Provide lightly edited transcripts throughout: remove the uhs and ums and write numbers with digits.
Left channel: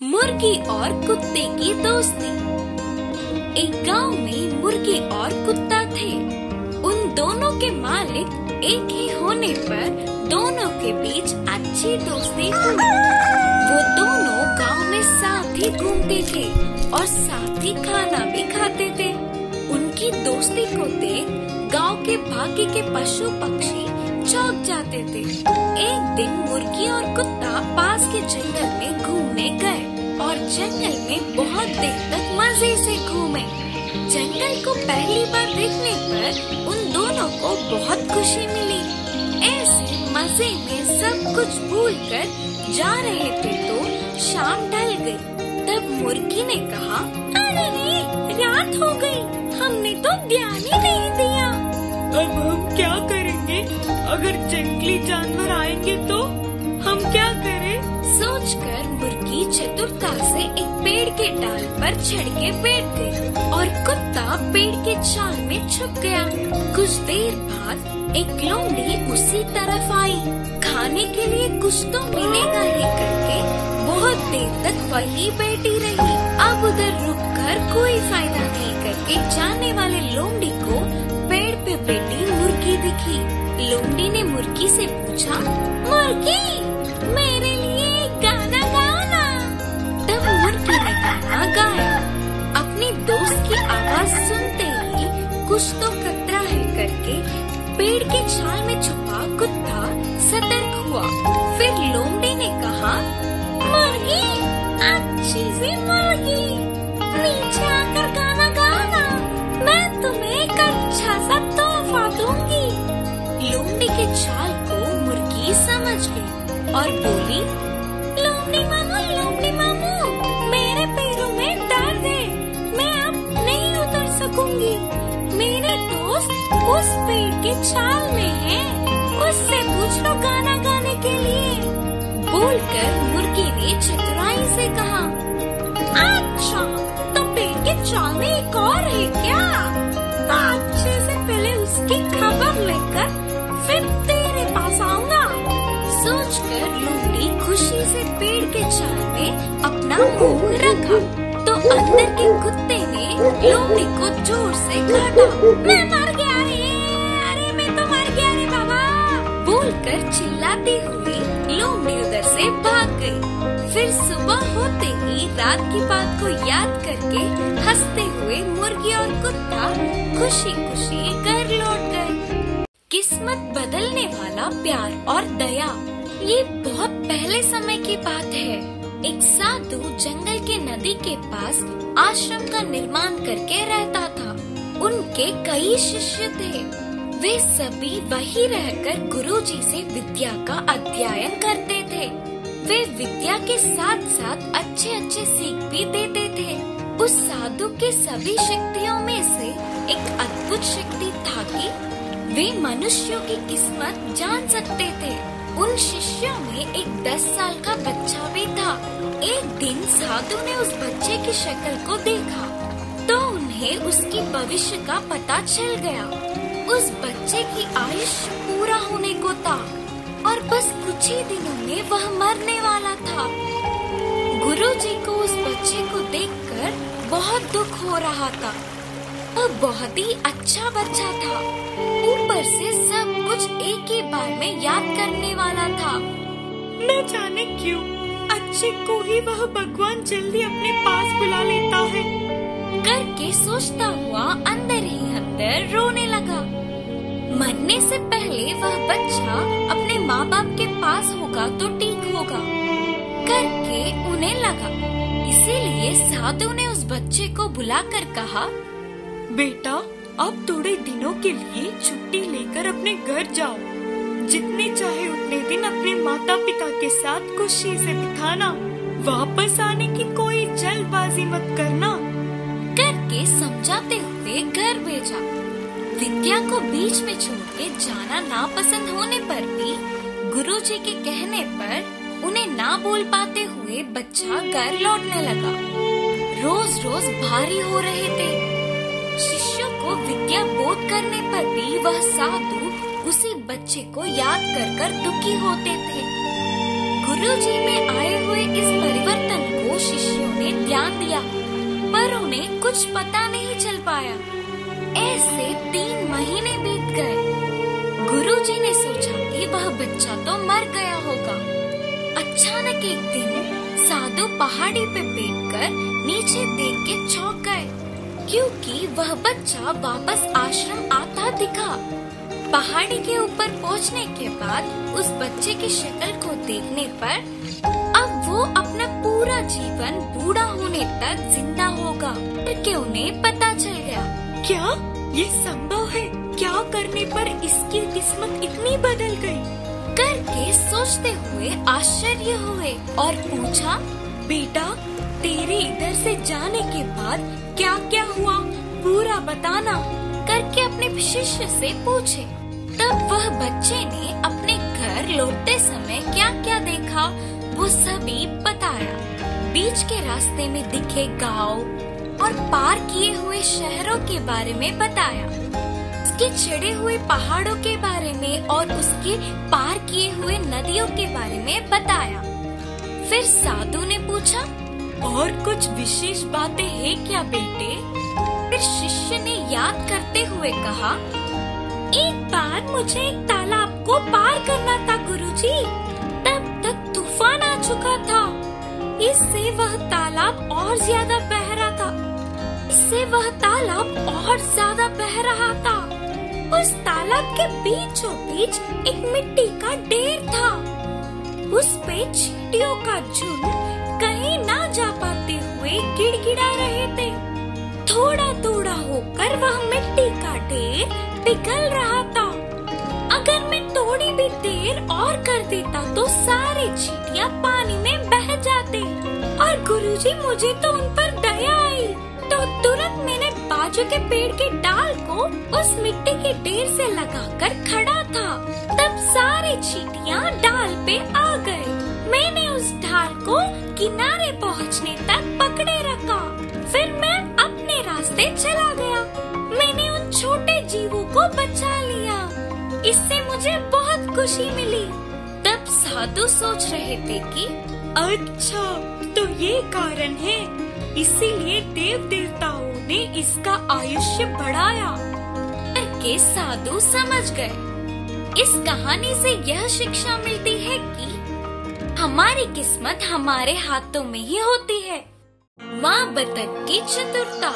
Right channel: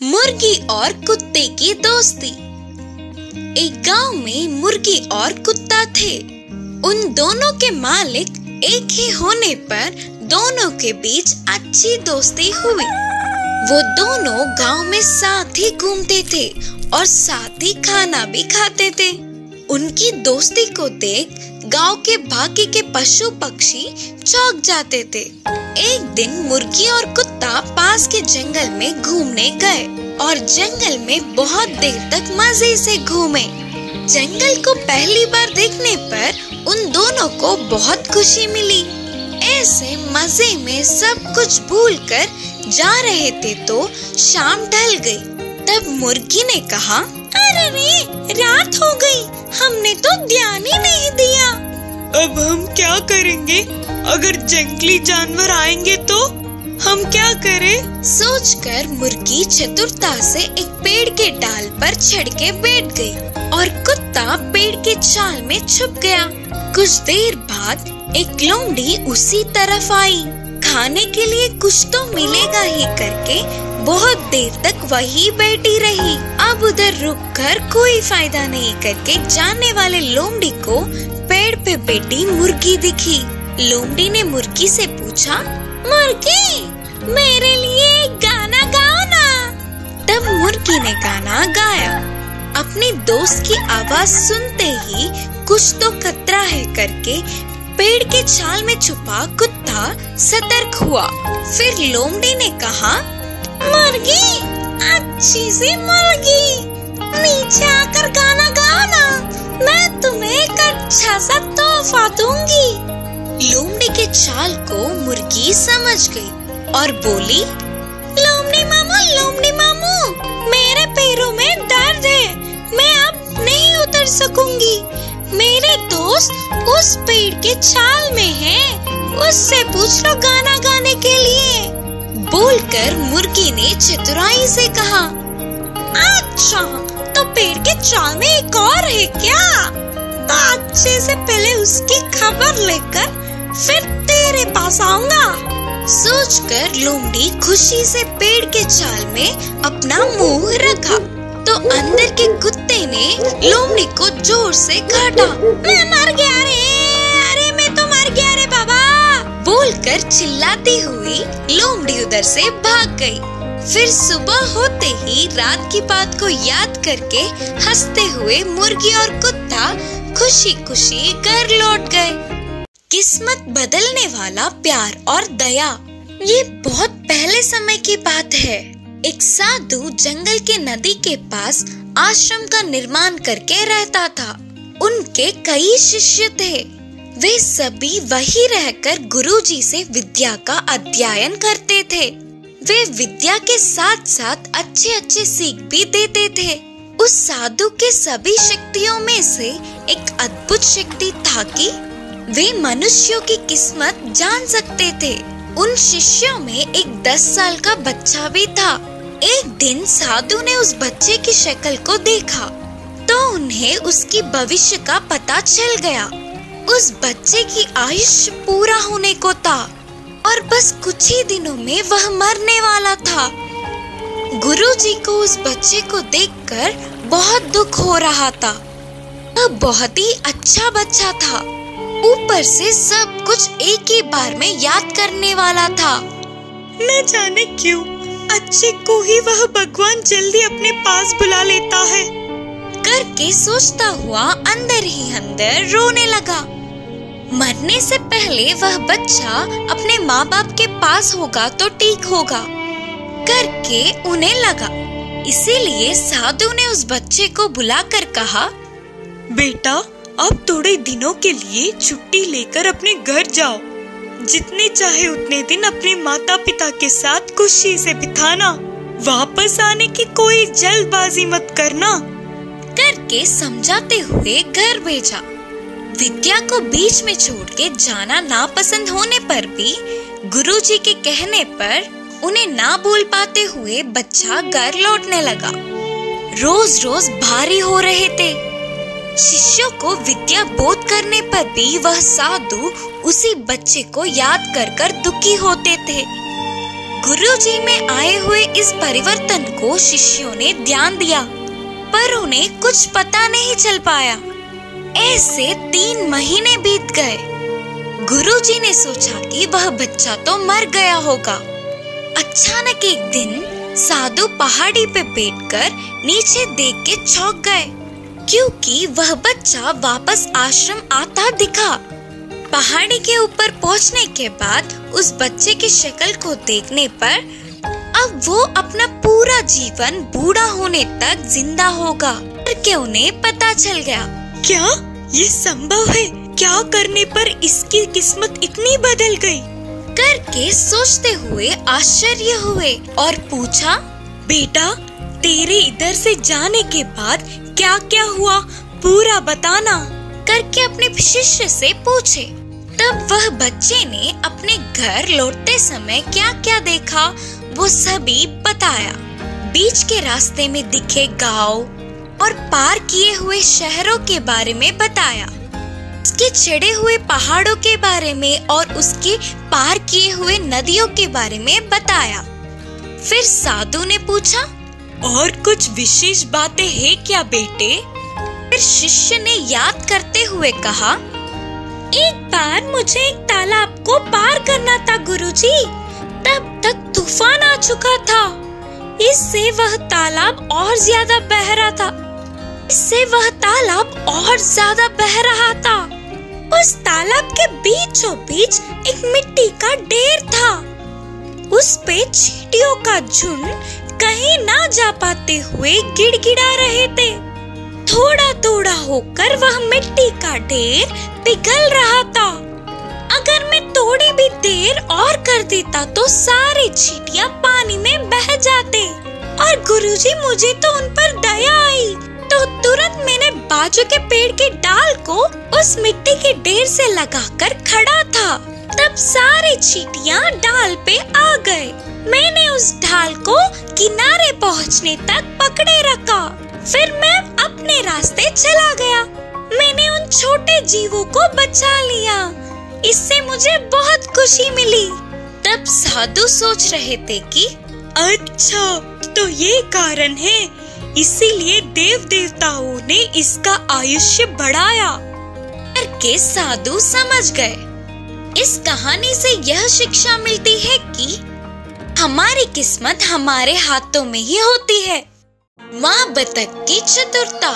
मुर्गी और कुत्ते की दोस्ती। एक गांव में मुर्गी और कुत्ता थे। उन दोनों के मालिक एक ही होने पर दोनों के बीच अच्छी दोस्ती हुई। वो दोनों गांव में साथ ही घूमते थे और साथ ही खाना भी खाते थे। उनकी दोस्ती को देख गांव के बाकी के पशु पक्षी चौंक जाते थे। एक दिन मुर्गी और कुत्ता पास के जंगल में घूमने गए और जंगल में बहुत देर तक मजे से घूमे। जंगल को पहली बार देखने पर उन दोनों को बहुत खुशी मिली। ऐसे मजे में सब कुछ भूलकर जा रहे थे तो शाम ढल गई। तब मुर्गी ने कहा, अरे रे, रात हो गई, हमने तो ध्यान ही नहीं दिया। अब हम क्या करेंगे? अगर जंगली जानवर आएंगे तो हम क्या करें? सोचकर मुर्गी चतुरता से एक पेड़ के डाल पर चढ़ के बैठ गई और कुत्ता पेड़ के छाल में छुप गया। कुछ देर बाद एक लोमड़ी उसी तरफ आई। खाने के लिए कुछ तो मिलेगा ही करके बहुत देर तक वही बैठी रही। अब उधर रुककर कोई फायदा नहीं करके जाने वाले लोमड़ी को पेड़ पे बैठी मुर्गी दिखी। लोमड़ी ने मुर्गी से पूछा, मुर्गी, मेरे लिए गाना गाओ ना। तब मुर्गी ने गाना गाया। अपनी दोस्त की आवाज सुनते ही कुछ तो खतरा है करके पेड़ के छाल में छुपा कुत्ता सतर्क हुआ। फिर लोमड़ी ने कहा, मुर्गी, अच्छी सी मुर्गी, नीचे आकर गाना गाओ ना, मैं तुम्हें एक अच्छा सा तोहफा दूंगी। लोमड़ी के छाल को मुर्गी समझ गई और बोली, लोमड़ी मामू, मेरे पैरों में दर्द है, मैं अब नहीं उतर सकूंगी। मेरे दोस्त उस पेड़ के छाल में है, उससे पूछ लो गाना गाने के लिए। बोलकर मुर्गी ने चतुराई से कहा, अच्छा, तो पेड़ के छाल में एक और है क्या? तो अच्छे से पहले उसकी खबर लेकर फिर तेरे पास आऊंगा। सोचकर लोमड़ी खुशी से पेड़ के छाल में अपना मुंह रखा तो अंदर के कुत्ते ने लोमड़ी को जोर से काटा। मैं मर गया रे, अरे मैं तो मर गया रे बाबा, बोलकर चिल्लाती हुई लोमड़ी उधर से भाग गई। फिर सुबह होते ही रात की बात को याद करके हंसते हुए मुर्गी और कुत्ता खुशी खुशी घर लौट गए। किस्मत बदलने वाला प्यार और दया। ये बहुत पहले समय की बात है। एक साधु जंगल के नदी के पास आश्रम का निर्माण करके रहता था। उनके कई शिष्य थे। वे सभी वही रहकर गुरुजी से विद्या का अध्ययन करते थे। वे विद्या के साथ साथ अच्छे अच्छे सीख भी देते थे। उस साधु के सभी शक्तियों में से एक अद्भुत शक्ति था कि वे मनुष्यों की किस्मत जान सकते थे। उन शिष्यों में एक 10 साल का बच्चा भी था। एक दिन साधु ने उस बच्चे की शक्ल को देखा तो उन्हें उसकी भविष्य का पता चल गया। उस बच्चे की आयुष्य पूरा होने को था और बस कुछ ही दिनों में वह मरने वाला था। गुरुजी को उस बच्चे को देखकर बहुत दुख हो रहा था। वह बहुत ही अच्छा बच्चा था। ऊपर से सब कुछ एक ही बार में याद करने वाला था। न जाने क्यों अच्छे को ही वह भगवान जल्दी अपने पास बुला लेता है करके सोचता हुआ अंदर ही अंदर रोने लगा। मरने से पहले वह बच्चा अपने माँ बाप के पास होगा तो ठीक होगा करके उन्हें लगा। इसीलिए साधु ने उस बच्चे को बुलाकर कहा, बेटा, अब थोड़े दिनों के लिए छुट्टी लेकर अपने घर जाओ। जितने चाहे उतने दिन अपने माता पिता के साथ खुशी से बिताना। वापस आने की कोई जल्दबाजी मत करना करके समझाते हुए घर भेजा। विद्या को बीच में छोड़ के जाना नापसंद होने पर भी गुरुजी के कहने पर उन्हें ना बोल पाते हुए बच्चा घर लौटने लगा। रोज रोज भारी हो रहे थे। शिष्यों को विद्या बोध करने पर भी वह साधु उसी बच्चे को याद कर दुखी होते थे। गुरुजी में आए हुए इस परिवर्तन को शिष्यों ने ध्यान दिया, पर उन्हें कुछ पता नहीं चल पाया। ऐसे 3 महीने बीत गए। गुरुजी ने सोचा कि वह बच्चा तो मर गया होगा। अचानक एक दिन साधु पहाड़ी पे बैठकर नीचे देख के चौंक गए, क्योंकि वह बच्चा वापस आश्रम आता दिखा। पहाड़ी के ऊपर पहुंचने के बाद उस बच्चे की शक्ल को देखने पर अब वो अपना पूरा जीवन बूढ़ा होने तक जिंदा होगा करके उन्हें पता चल गया। क्या ये संभव है? क्या करने पर इसकी किस्मत इतनी बदल गई? करके सोचते हुए आश्चर्य हुए और पूछा, बेटा तेरे इधर से जाने के बाद क्या क्या हुआ, पूरा बताना करके अपने शिष्य से पूछे। तब वह बच्चे ने अपने घर लौटते समय क्या क्या देखा वो सभी बताया। बीच के रास्ते में दिखे गांव और पार किए हुए शहरों के बारे में बताया, उसके चढ़े हुए पहाड़ों के बारे में और उसके पार किए हुए नदियों के बारे में बताया। फिर साधु ने पूछा, और कुछ विशेष बातें हैं क्या बेटे? फिर शिष्य ने याद करते हुए कहा, एक बार मुझे एक तालाब को पार करना था गुरुजी, तब तक तूफान आ चुका था। इससे वह तालाब और ज्यादा बह रहा था। उस तालाब के बीचों बीच एक मिट्टी का ढेर था। उस पे चींटियों का झुंड कहीं ना जा पाते हुए गिड़गिड़ा रहे थे। थोड़ा थोड़ा होकर वह मिट्टी का ढेर पिघल रहा था। अगर मैं थोड़ी भी देर और कर देता तो सारे चींटियां पानी में बह जाते। और गुरुजी मुझे तो उन पर दया आई, तो तुरंत मैंने बाजू के पेड़ के डाल को उस मिट्टी के ढेर से लगाकर खड़ा था। तब सारे चींटियां डाल पे आ गए। मैंने उस ढाल को किनारे पहुंचने तक पकड़े रखा। फिर मैं अपने रास्ते चला गया। मैंने उन छोटे जीवों को बचा लिया। इससे मुझे बहुत खुशी मिली। तब साधु सोच रहे थे कि अच्छा, तो ये कारण है, इसीलिए देव देवताओं ने इसका आयुष्य बढ़ाया करके साधु समझ गए। इस कहानी से यह शिक्षा मिलती है कि हमारी किस्मत हमारे हाथों में ही होती है। माँ बतख की चतुरता।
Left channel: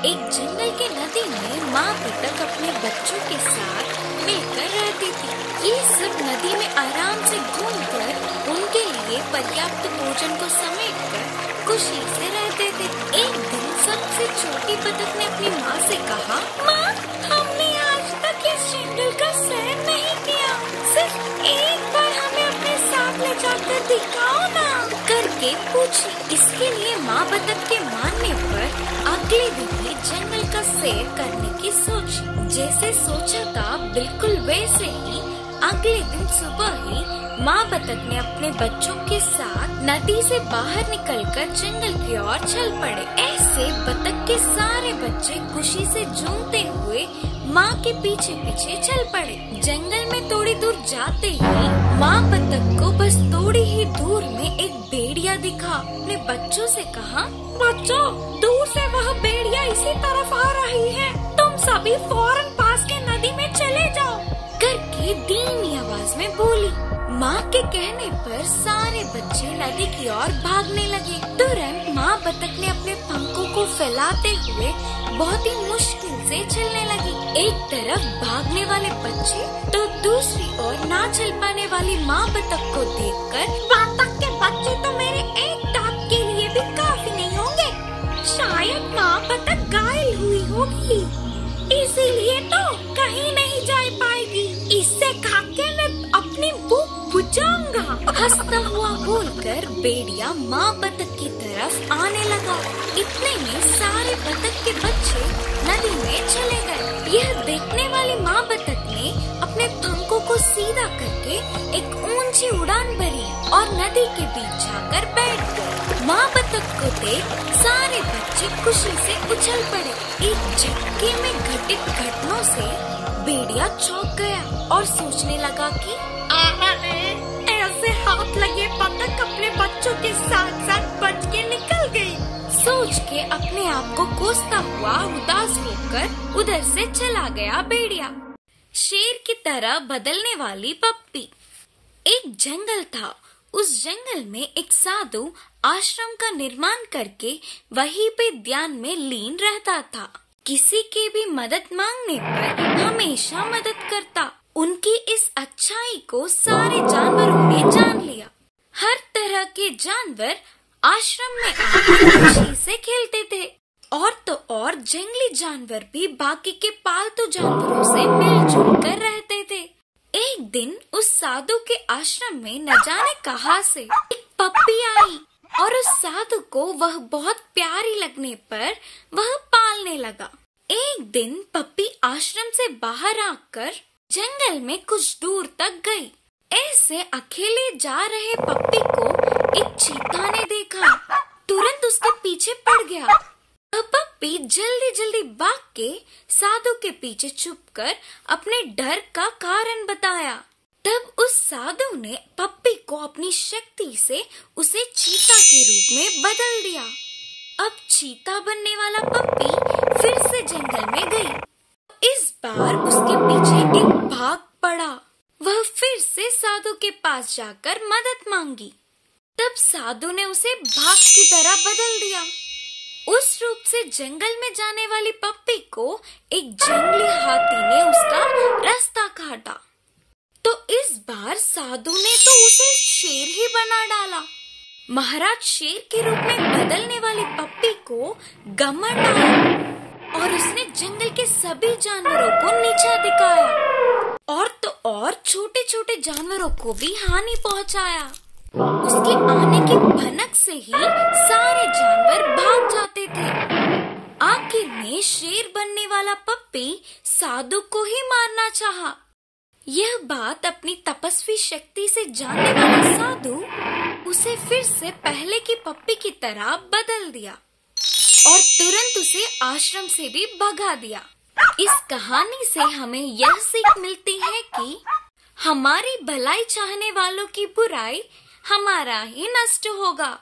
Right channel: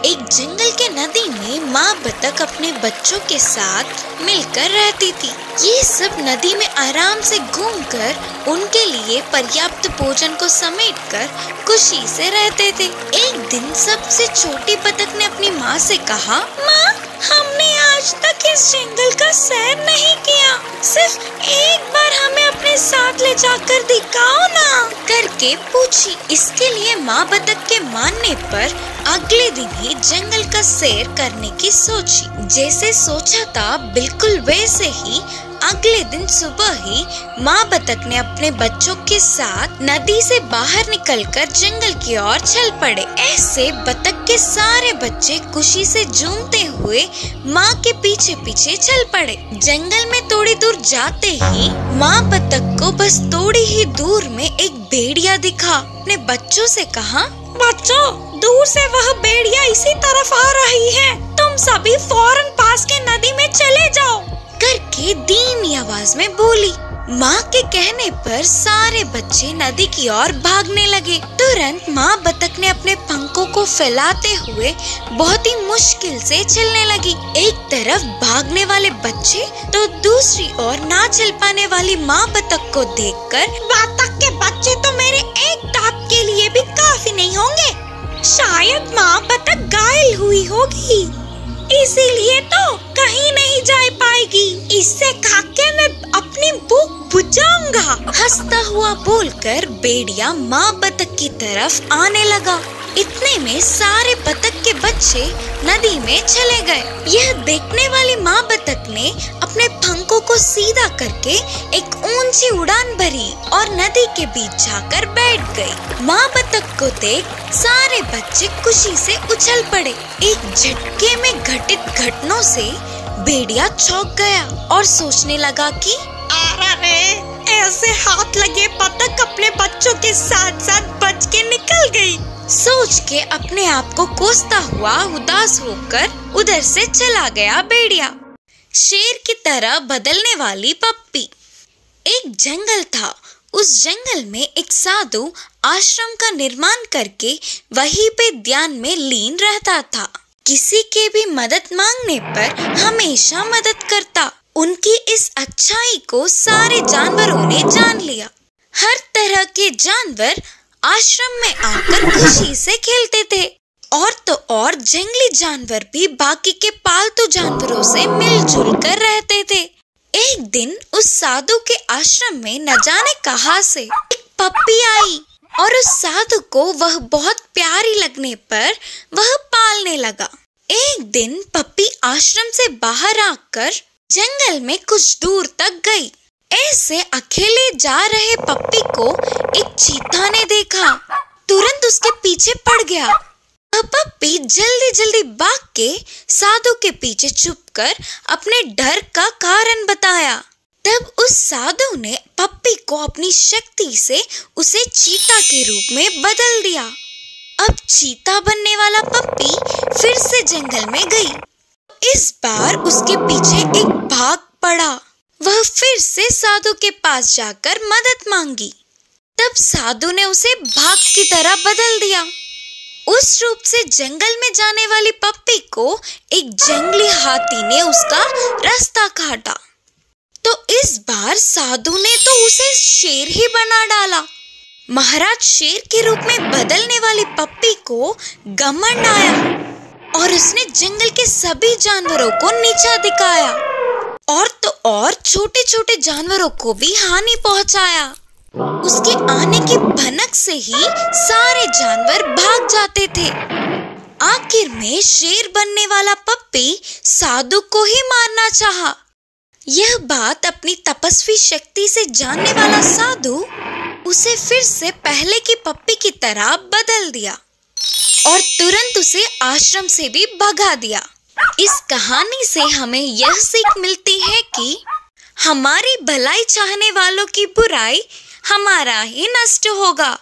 एक जंगल के नदी में माँ बतख अपने बच्चों के साथ मिलकर रहती थी। ये सब नदी में आराम से घूमकर उनके लिए पर्याप्त भोजन को समेटकर खुशी से रहते थे। एक दिन सबसे छोटी बतख ने अपनी माँ से कहा, माँ, हमने आज तक इस जंगल का सैर नहीं किया, सिर्फ एक बार हमें अपने साथ ले जाकर दिखाओ ना करके पूछी। इसके लिए माँ बतख के मानने पर अगले दिन ही जंगल का सैर करने की सोची। जैसे सोचा था बिल्कुल वैसे ही अगले दिन सुबह ही माँ बतख ने अपने बच्चों के साथ नदी से बाहर निकलकर जंगल की ओर चल पड़े। ऐसे बतख के सारे बच्चे खुशी से झूमते हुए माँ के पीछे पीछे चल पड़े। जंगल में थोड़ी दूर जाते ही माँ बतख को बस थोड़ी ही दूर में एक भेड़िया दिखा। अपने बच्चों से कहा, बच्चों, दूर से वह भेड़िया इसी तरफ आ रही है, तुम सभी फौरन पास के नदी में चले जाओ करके धीमी आवाज में बोली। माँ के कहने पर सारे बच्चे नदी की ओर भागने लगे। तुरंत माँ बतख ने अपने पंखों को फैलाते हुए बहुत ही मुश्किल से चलने लगी। एक तरफ भागने वाले बच्चे तो दूसरी ओर ना चल पाने वाली माँ बतख को देखकर, बतख के बच्चे तो मेरे एक टाप के लिए भी काफी नहीं होंगे, शायद माँ बतख घायल हुई होगी, इसीलिए तो कहीं नहीं जा पाएगी, इससे खाके मैं अपनी भूख बुझाऊंगा। हंसता हुआ बोलकर भेड़िया माँ बतख की तरफ आने लगा। इतने में सारे बतख के बच्चे नदी में चले गए। यह देखने वाली माँ बतख ने अपने पंखों को सीधा करके एक ऊंची उड़ान भरी और नदी के बीच जाकर बैठ गई। माँ बतख को देख सारे बच्चे खुशी से उछल पड़े। एक झटके में घटित घटनाओं से भेड़िया चौंक गया और सोचने लगा कि अरे ऐसे हाथ लगे बतख अपने बच्चों के साथ साथ बच के निकल गई। सोच के अपने आप को कोसता हुआ उदास होकर उधर से चला गया भेड़िया। शेर की तरह बदलने वाली पप्पी। एक जंगल था। उस जंगल में एक साधु आश्रम का निर्माण करके वहीं पे ध्यान में लीन रहता था। किसी के भी मदद मांगने पर हमेशा मदद करता। उनकी इस अच्छाई को सारे जानवरों ने जान लिया। हर तरह के जानवर आश्रम में आकर खुशी से खेलते थे। और तो और जंगली जानवर भी बाकी के पालतू जानवरों से मिलजुल कर रहते थे। एक दिन उस साधु के आश्रम में न जाने कहां से एक पप्पी आई और उस साधु को वह बहुत प्यारी लगने पर वह पालने लगा। एक दिन पप्पी आश्रम से बाहर आकर जंगल में कुछ दूर तक गई। ऐसे अकेले जा रहे पप्पी को एक चीता ने देखा। तुरंत उसके पीछे पड़ गया। पप्पी जल्दी जल्दी भाग के साधु के पीछे छुपकर अपने डर का कारण बताया। तब उस साधु ने पप्पी को अपनी शक्ति से उसे चीता के रूप में बदल दिया। अब चीता बनने वाला पप्पी फिर से जंगल में गई। इस बार उसके पीछे एक बाघ पड़ा। वह फिर से साधु के पास जाकर मदद मांगी। तब साधु ने उसे बाघ की तरह बदल दिया। उस रूप से जंगल में जाने वाली पप्पी को एक जंगली हाथी ने उसका रास्ता काटा। तो इस बार साधु ने तो उसे शेर ही बना डाला। महाराज शेर के रूप में बदलने वाली पप्पी को घमंड आया और उसने जंगल के सभी जानवरों को नीचा दिखाया और तो और छोटे छोटे जानवरों को भी हानि पहुंचाया। उसके आने की भनक से ही सारे जानवर भाग जाते थे। आखिर में शेर बनने वाला पप्पी साधु को ही मारना चाहा। यह बात अपनी तपस्वी शक्ति से जानने वाला साधु उसे फिर से पहले की पप्पी की तरह बदल दिया और तुरंत उसे आश्रम से भी भगा दिया। इस कहानी से हमें यह सीख मिलती है कि हमारी भलाई चाहने वालों की बुराई हमारा ही नष्ट होगा।